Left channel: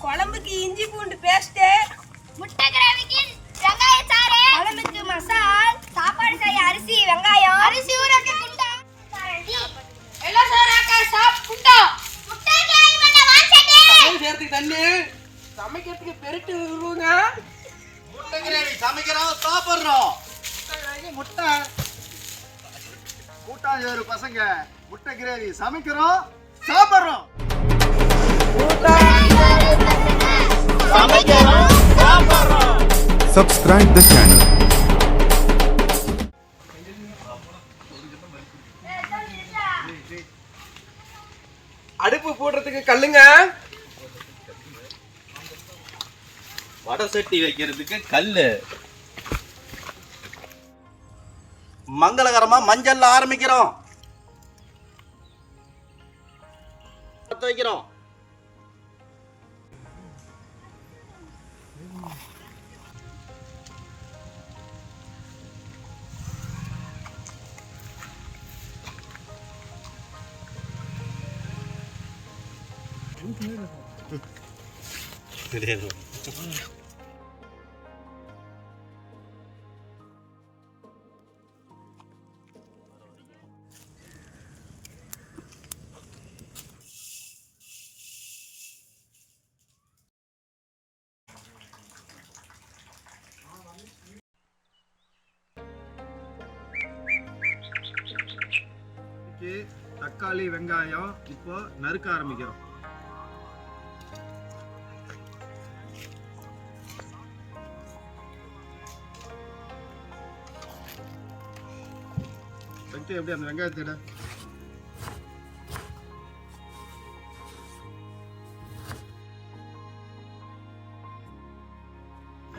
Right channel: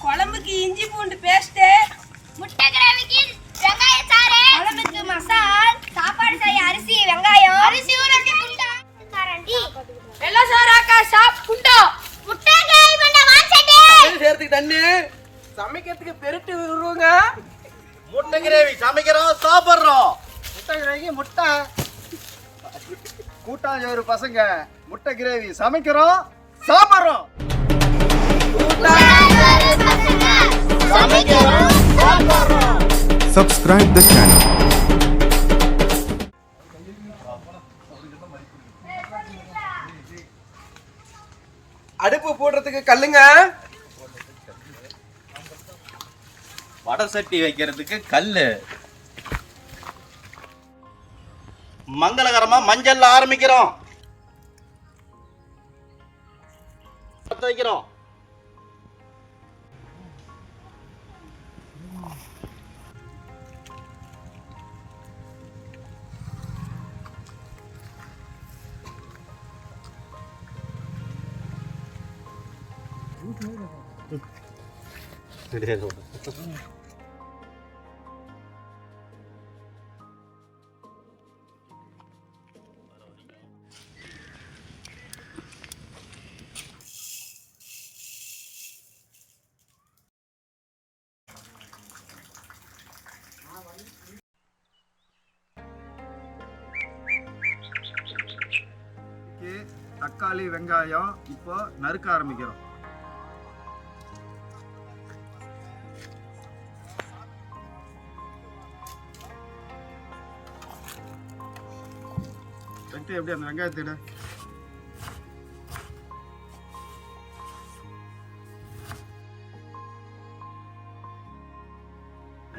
குழம்புக்கு இஞ்சி பூண்டு பேஸ்ட்டு முட்டை கிரேவிக்கு வெங்காய சாறு குழம்புக்கு மசால் சாப்பாடு செய்ய அரிசி வெங்காயம். அரிசி ஊறக்க குண்டா. கரண்டி எல்லாம் சோறாக்கா சாப் குண்டோ. முட்டை கிரேவி பண்ண வாசடி தண்ணி சேர்த்துக்கு தண்ணி. சமைக்கிறதுக்கு பெருட்டு விடுவோங்க முட்டை கிரேவி சமைக்கிறோம் சாப்பிடுறோம். முட்டை கிரேவி முட்டை. கூட்டாஞ்சோறு பசங்க முட்டை கிரேவி சமைக்கிறோம் சாப்பிடுறோம். Subscribe the channel. அடுப்பு போடுறதுக்கு கல்லுங்க. வடை சட்டி வைக்கிறதுக்கு கல்லு. மங்களகரமா மஞ்சள் ஆரம்பிக்கிறோம். பத்த வைக்கிறோம். தெரியாது தக்காளி வெங்காயம் இப்போ நறுக்க ஆரம்பிக்கிறோம். வெட்டி எப்படி அந்த வெங்காயத்தை எடு.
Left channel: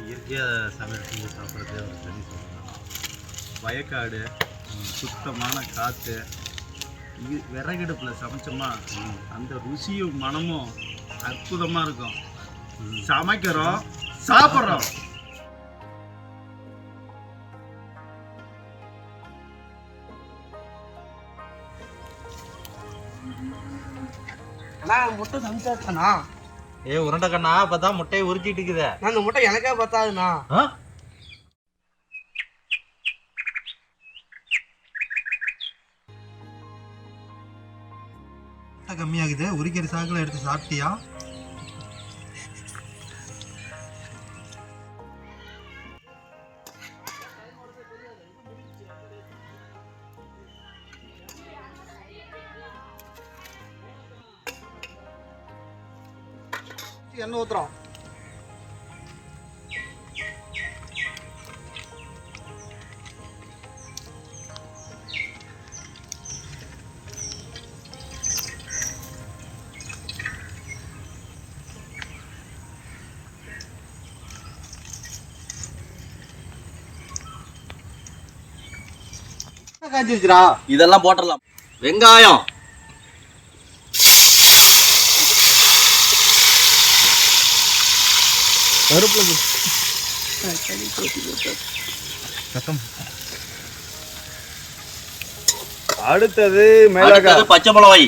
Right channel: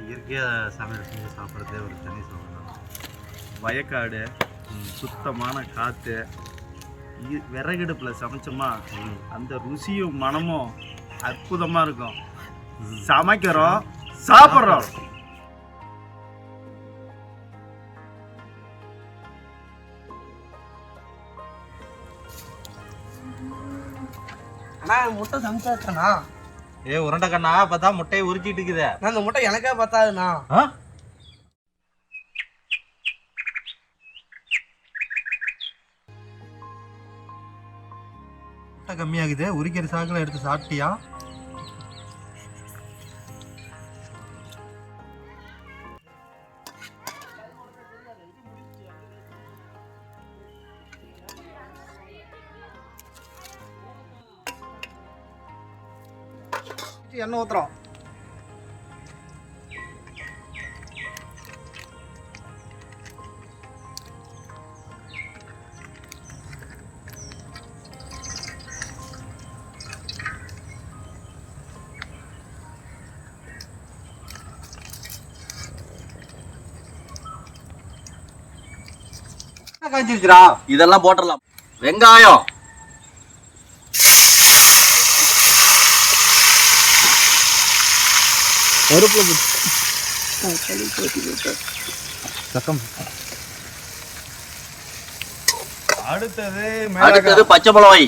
இயற்கையாக சமையல் செஞ்சு சாப்பிட்றதே ஒரு தனி சுகம் வயக்காடு சுத்தமான காற்று விறகடுப்பில் சமைச்சோமா அந்த ருசியும் மனமும் அற்புதமாக இருக்கும். சமைக்கிறோம் சாப்பிட்றோம். அண்ணா முட்டை சமைச்சாச்சுண்ணா ஏ உருண்டை கண்ணா பார்த்தா முட்டையை உரிச்சிட்டு இருக்குதே. நான் இந்த முட்டை எனக்கே பத்தாதுண்ணா. ஆ? முட்டை கம்மியாகுது உரிக்கிற சாக்கில் எடுத்து சாப்பிட்டியா? எண்ணெய் ஊற்றுறோம் காஞ்சிருச்சுடா இதெல்லாம் போட்டுடலாம். வெங்காயம். அடுத்தது அடுத்தது பச்சை மிளகாய்.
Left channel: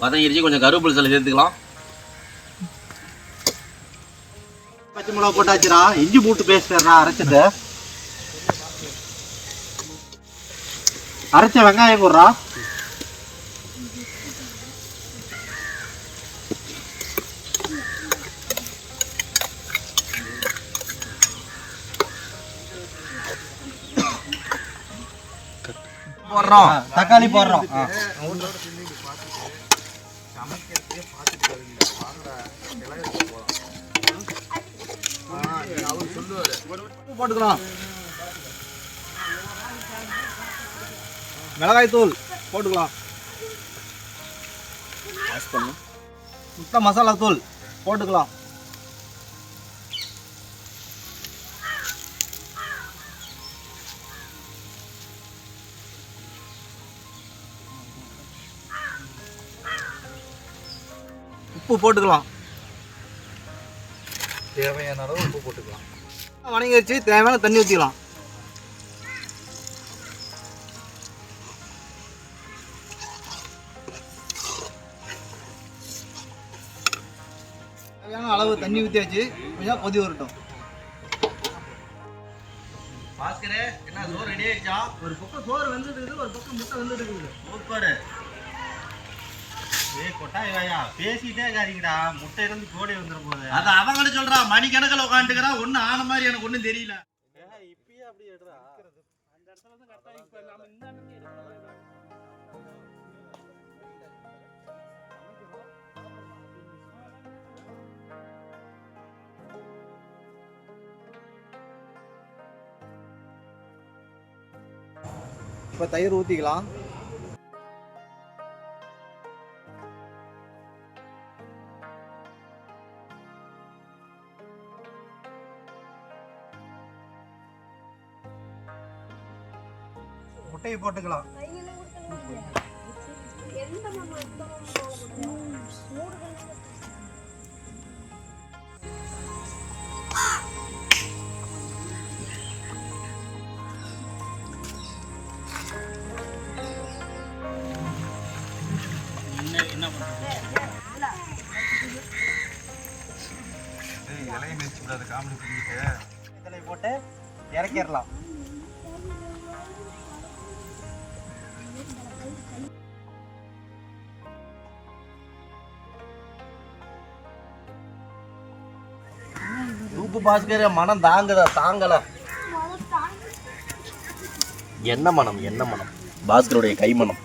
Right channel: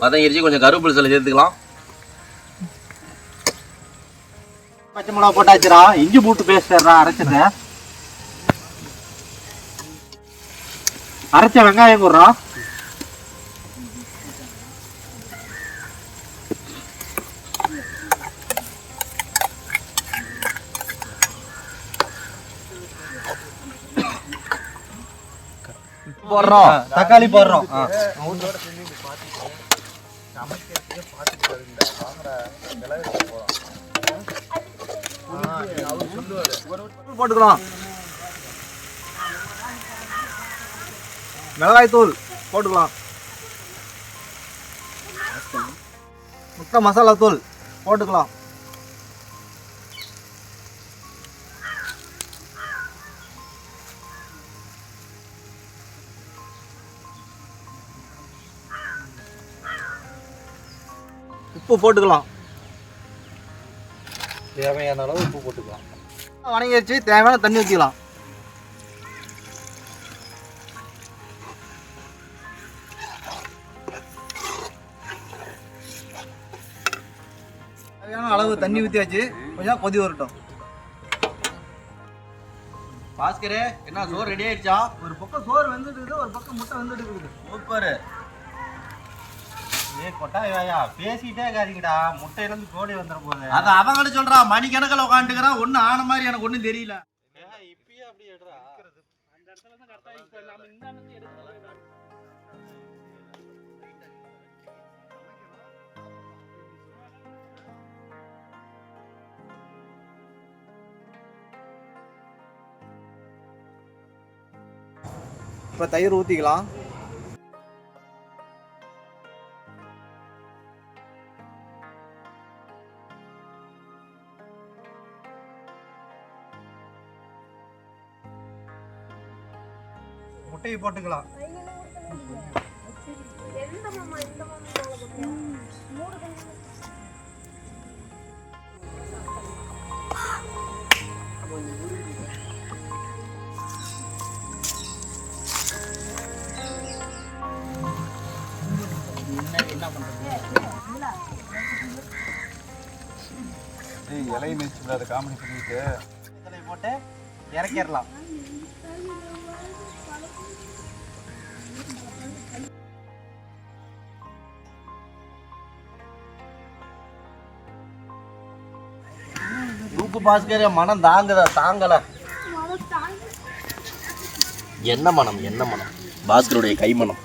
வதங்கிருச்சு கொஞ்சம் கருவேப்பிலை சில சேர்த்துக்கலாம். பச்சை மிளகா போட்டாச்சுடா. இஞ்சி பூட்டு பேஸ்டா அரைச்சது அரைச்ச வெங்காயம் போடுறா. போடுறோம். தக்காளி போடுறோம். போட்டுக்கலாம். மிளகாய் தூள் போட்டுக்கலாம். முட்டை மசாலா தூள் போட்டுக்கலாம். உப்பு போட்டுக்கலாம். தேவையான அளவு உப்பு போட்டுக்கலாம். வணங்கி வச்சு தேவையான தண்ணி ஊற்றிக்கலாம் தேவையான அளவு தண்ணி ஊற்றியாச்சு கொஞ்சம் கொதி வரட்டும். பாஸ்கரே என்ன சோறு ரெடி ஆயிடுச்சா? ஒரு பக்கம் சோறு வெந்துட்டு இருக்குது ஒரு பக்கம் முட்டை வெந்துட்டு இருக்குது சூப்பர். ஏய் கொட்டாய் வாயா பேசிட்டே இருக்காதீங்கடா. முட்டை இருந்து கோடி வந்துட போகுது அது அவங்கள்ட்ட சொல்றா மணி கணக்கில் உட்காந்துக்கிறான் ஒன்றும் ஆன மாதிரி எனக்கு ஒன்றும் தெரியல. இப்பயே அப்படி எடுறா. இப்போ தயிர் ஊற்றிக்கலாம் முட்டையை போட்டுக்கலாம். இலையை மிதிச்சு அதை காமெடி பண்ணிட்டு போட்டு இறக்கிடலாம். தூக்கு பாஸ்கர் மனம் தாங்குதா தாங்கல. என்ன மனம் என்ன மனம்? பாஸ்கருடைய கைமனம்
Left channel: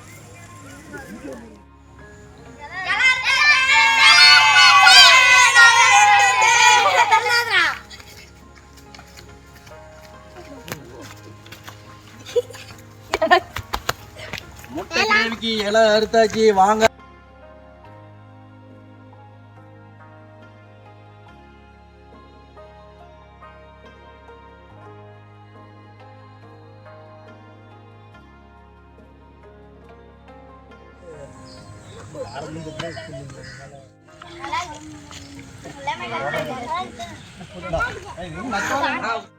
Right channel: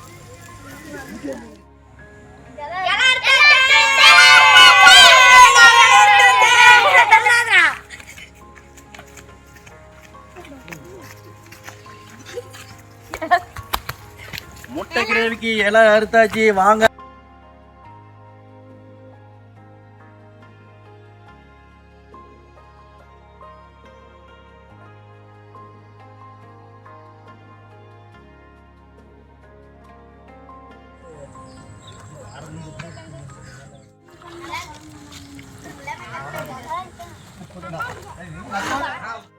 முட்டை கிரேவிக்கு இலை அறுத்தாச்சு வாங்க. Không.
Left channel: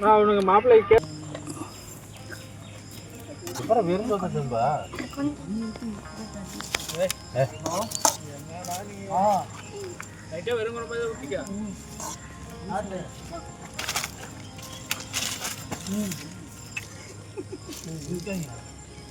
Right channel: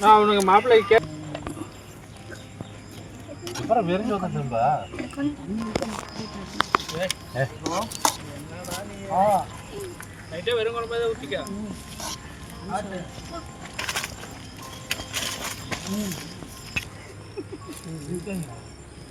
நான் அவனுக்கு மாப்பிள்ளை கே அப்புறம் வெறிஞ்சு வந்துட்டும்பா நைட்டே வெறும் குழம்பு தான் ஊற்றிக்க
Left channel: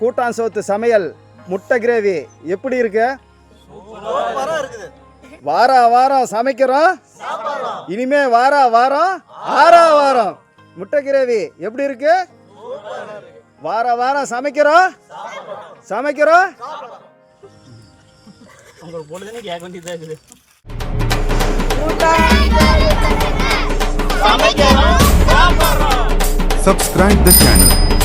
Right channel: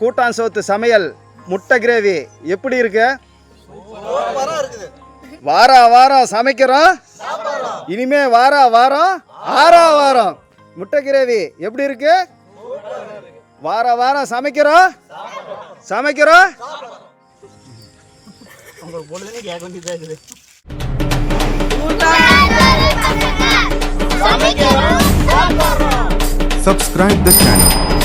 கூட்டான் சோத்து சமையல் முட்டை கிரேவி. எப்படி இருக்கு? வார வாரம் சமைக்கிறோம். இனிமே வார வாரம் ஆறா வாரம். முட்டை கிரேவி எப்படி இருக்கு? வார வாரம் சமைக்கிறோம். சமைக்கிறோம். சமைக்கிறோம். Subscribe the channel.